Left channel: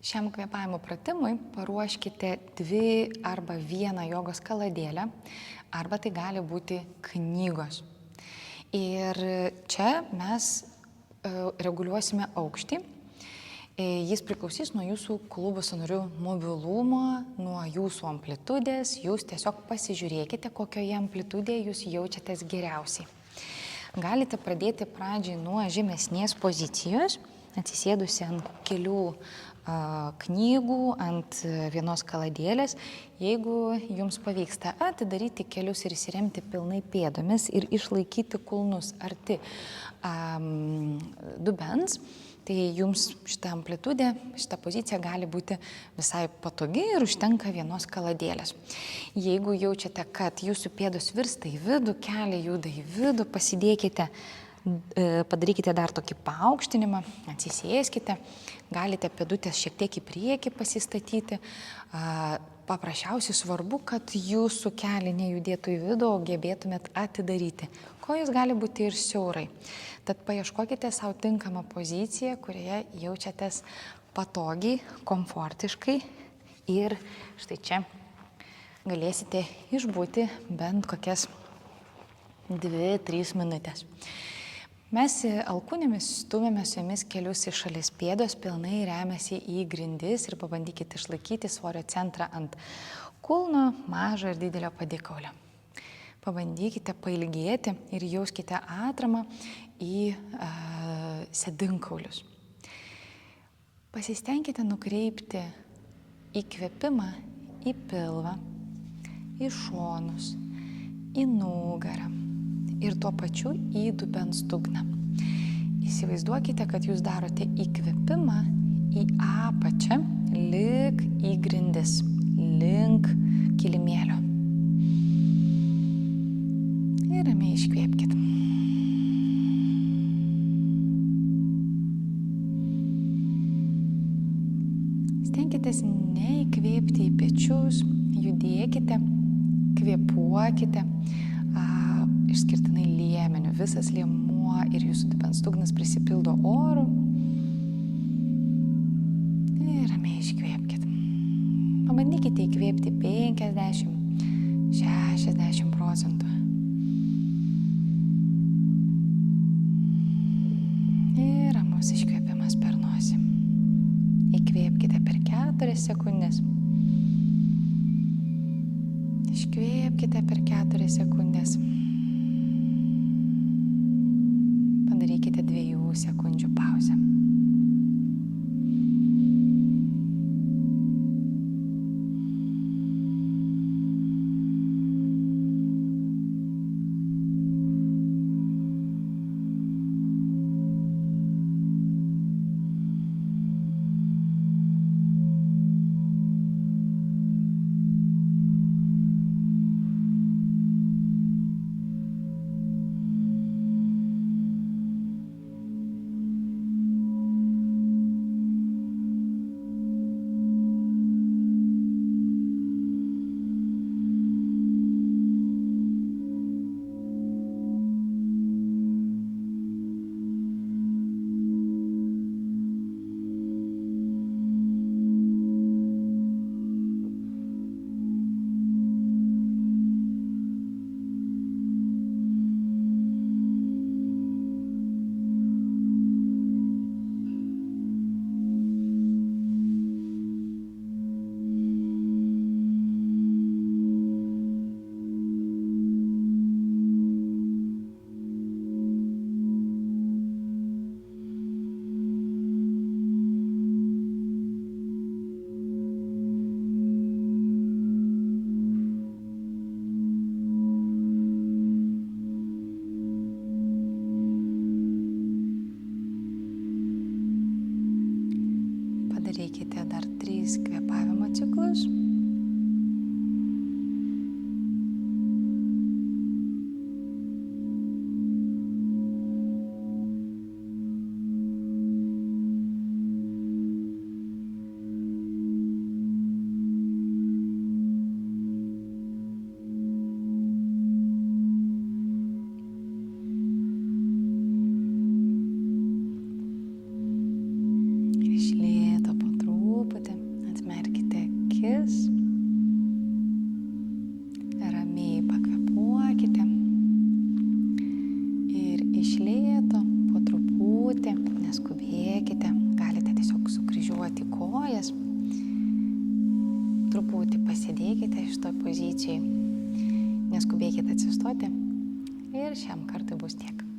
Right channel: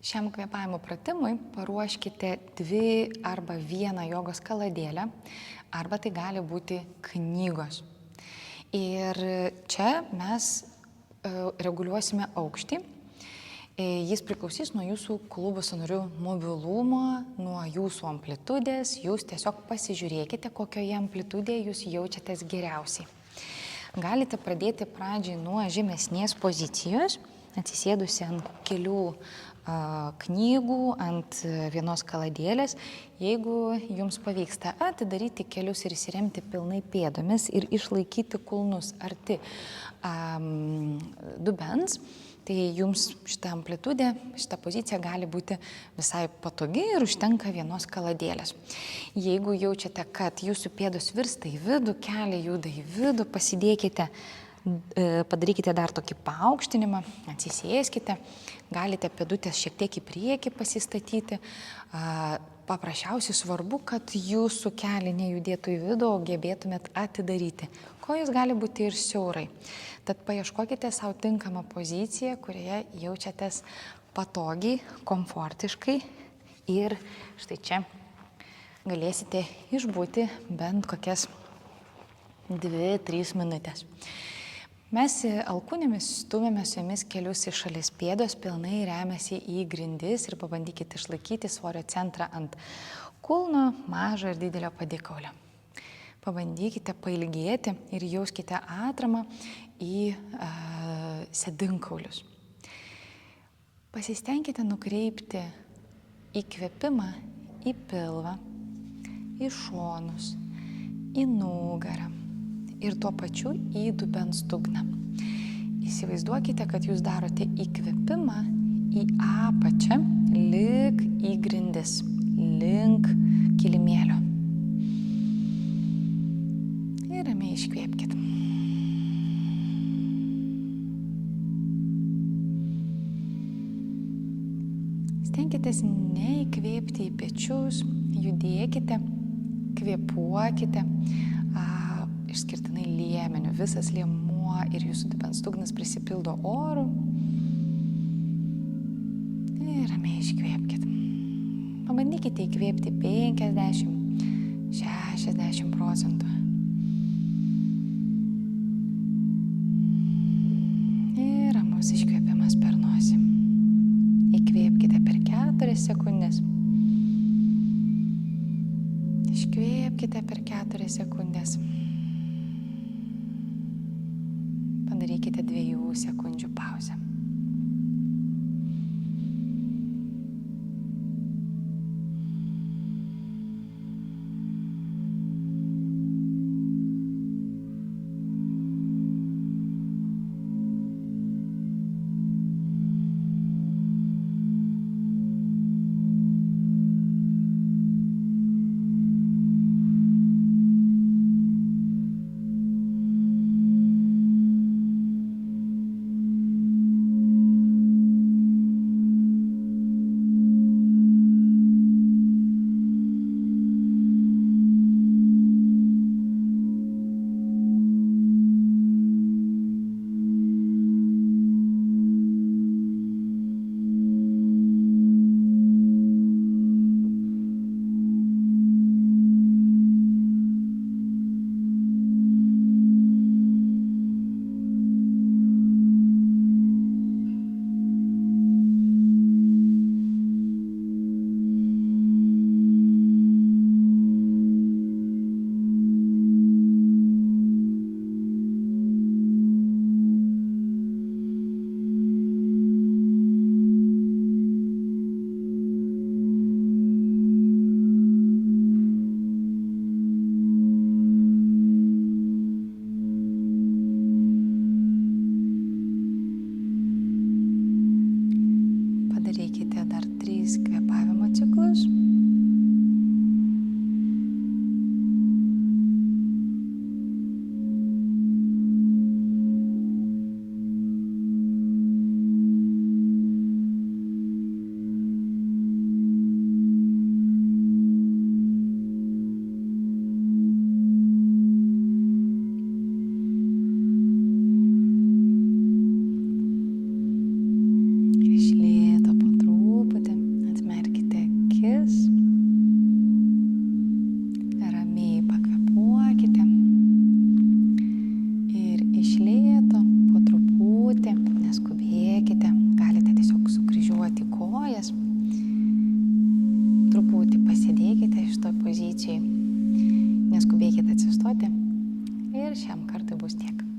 Šiam kvėpavimo pratimui paruoškite 2 arba 1 jogos kaladėlę, arba tai gali būti knygos. Ir čia mes reguliuosime aukštį. Jis priklausys nuo jūsų klubo sąnarių mobilumo, nuo jūsų amplitudės. Jūs tiesiog pasižiūrėkite, kokioje amplitudėje jūs jaučiatės geriausiai. Galite pradėti pradžiai nuo žemesnės pozicijos, atsisėdusi ant kelių knygų, ant vienos kaladėlės. Jeigu jums pavyksta atidaryti kelius ir įsiremti pilnai pėdomis ir išlaikyti kulnus arti dubens, tai jums šita amplitudė, šita pozicija gali būti visai patogi ir užtenka vienos kaladėlės. Jeigu jaučiate, kad jūsų pėdos virsta į vidų, keliai juda į vidų, padarykite dar tokį paaukštinimą, atsisėskite, galite pėdutės šiek tiek į priekį pasistatyti. Paprasčiausiai svarbu, kad jūsų keliai nejudėtų į vidų, o gebėtumėt atidaryti. Kojos gali būti ir siaurai. Tad paieškokite savo tinkamą poziciją, kurioje jaučiatės patogiai, komfortiškai ir štai čia galėsite išbūti bent kokias 2-3 minutės. Mes alkūnėmis stumėme su jumis kelius į šalis, pėdos pilnai remiasi į grindis ir pabandykite išlaikyti svorio centrą ant kulno, mažo ir didelio padėkaulio. Pabandykite pailgėti ir jauskite atramą į sėdinkaulius. Pasistengkite nukreipti įkvėpimą į pilvą, į šonus, į nugarą ir tuo pačiu į dubens dugną. Įsivaizduokite, kad jūs darote įkvėpimą į apačią, lyg į grindis, link kilimėlio. Ir ramiai iškvėpkite. Stenkitės neįkvėpti į pečius, judėkite, kvėpuokite, išskirtinai liemeniu. Visas liemuo ir jūsų dubens dugnas prisipildo oru. Ir ramiai iškvėpkite. Pabandykite įkvėpti 50-60%. Ir ramus iškvėpimas per nosį. Įkvėpkite per 4 sekundės. Iškvėpkite per 4 sekundės. Padarykite 2 sekundžių pauzę. Padarykite dar 3 kvėpavimo ciklus. Ir iš lėto po truputį neskubėkite, galite tiesiog sukryžiuoti kojas, truputį pasėdėkite šitoj pozicijai, neskubėkite atsistoti ir šiam kartui bus tiek.